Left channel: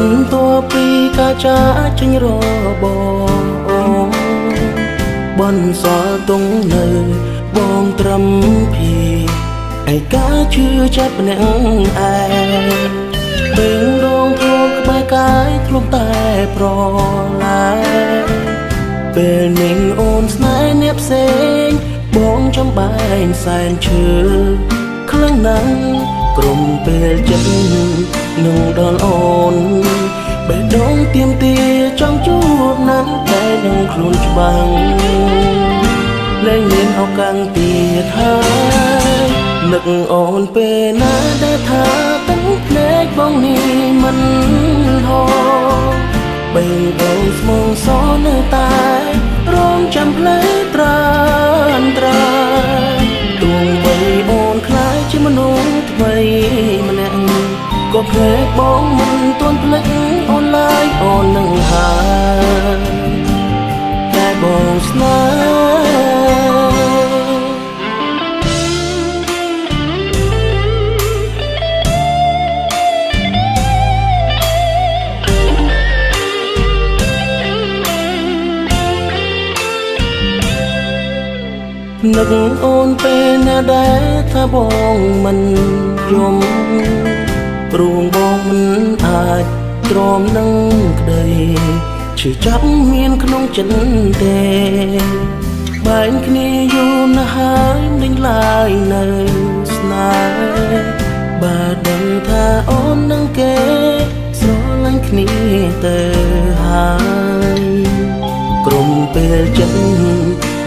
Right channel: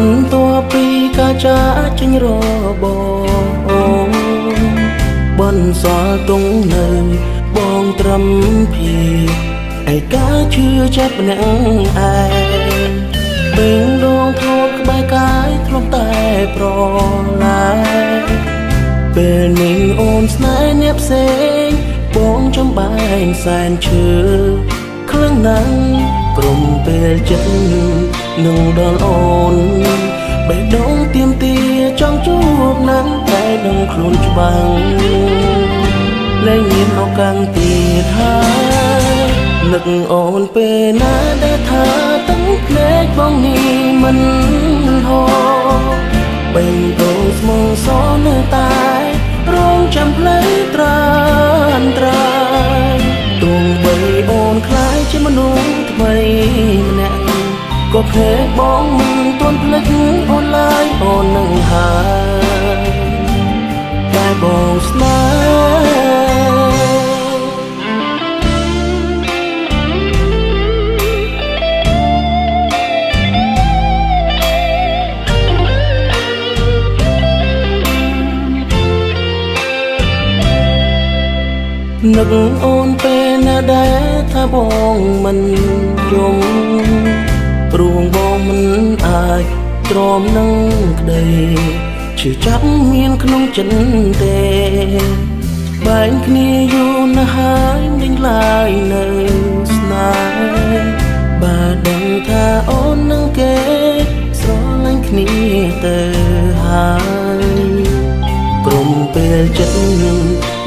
បន្ទាប់ពីការចាកចេញរបស់បនសល់ទងនៅបងត្រឹមពីឯកាឈឺចាប់ម្នាក់ឯងបេងដងធ្លាប់ក្បែរកាយធ្លាប់តែប្រឡាយពេលនេះអូនស្នេហ៍អ្នកផ្សេងបងចំបែងសែនឈឺខ្លាំងណាស់ក្រុមពេលចិត្តនឹងដល់អូនបេះដូងទៀមទាចង់ជួបនឹងតែនឹងខ្លួនច្បាំងលែងមានឱកាសទៀតហើយនឹកអូនពេលណាដែលថាទាំងភ្នែកបងនេះមិនហោបេងដូងស្មងសនៅតែរងចាំផ្លូវត្រានត្រាយទោះបីអូនคล้ายជាមនុស្សថ្មីម្នាក់ក៏ភ្នែកបងមិនទាន់ភ្លេចអូនឡើយអូននឹងហើយដែលបងស្នេហ៍នឹកអូនពេលណាដែលថាបងមិនយំព្រោះបងមិនអាចទ្រាំនឹងក្តីឈឺចាប់មានក្នុងចិត្តទេបែងគ្នាយូរណាស់ហើយមិនឡើយនៅស្នេហ៍បើដឹងថាអូននឹងគេស្រឡាញ់គ្នាទៅហើយក្រុមពេលចិត្ត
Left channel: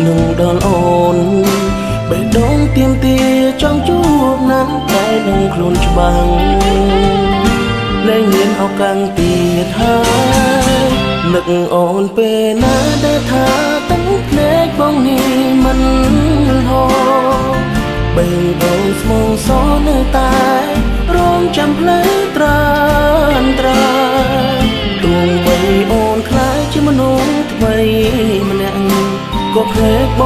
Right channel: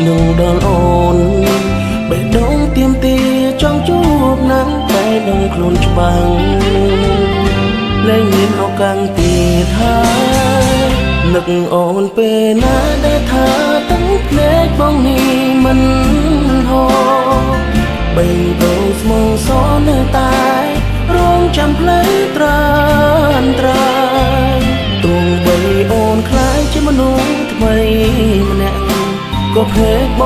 នឹងដល់អូនបេះដូងទៀមទាចង់ជួបនឹងតែនឹងខ្លួនច្បាំងលែងមានឱកាសទៀតហើយនឹកអូនពេលណាដែលថាទាំងភ្នែកបងនេះមិនហោបេងដូងស្មងសនៅតែរងចាំផ្លូវត្រានត្រាយទោះបីអូនคล้ายជាមនុស្សថ្មីម្នាក់ក៏ភ្នែក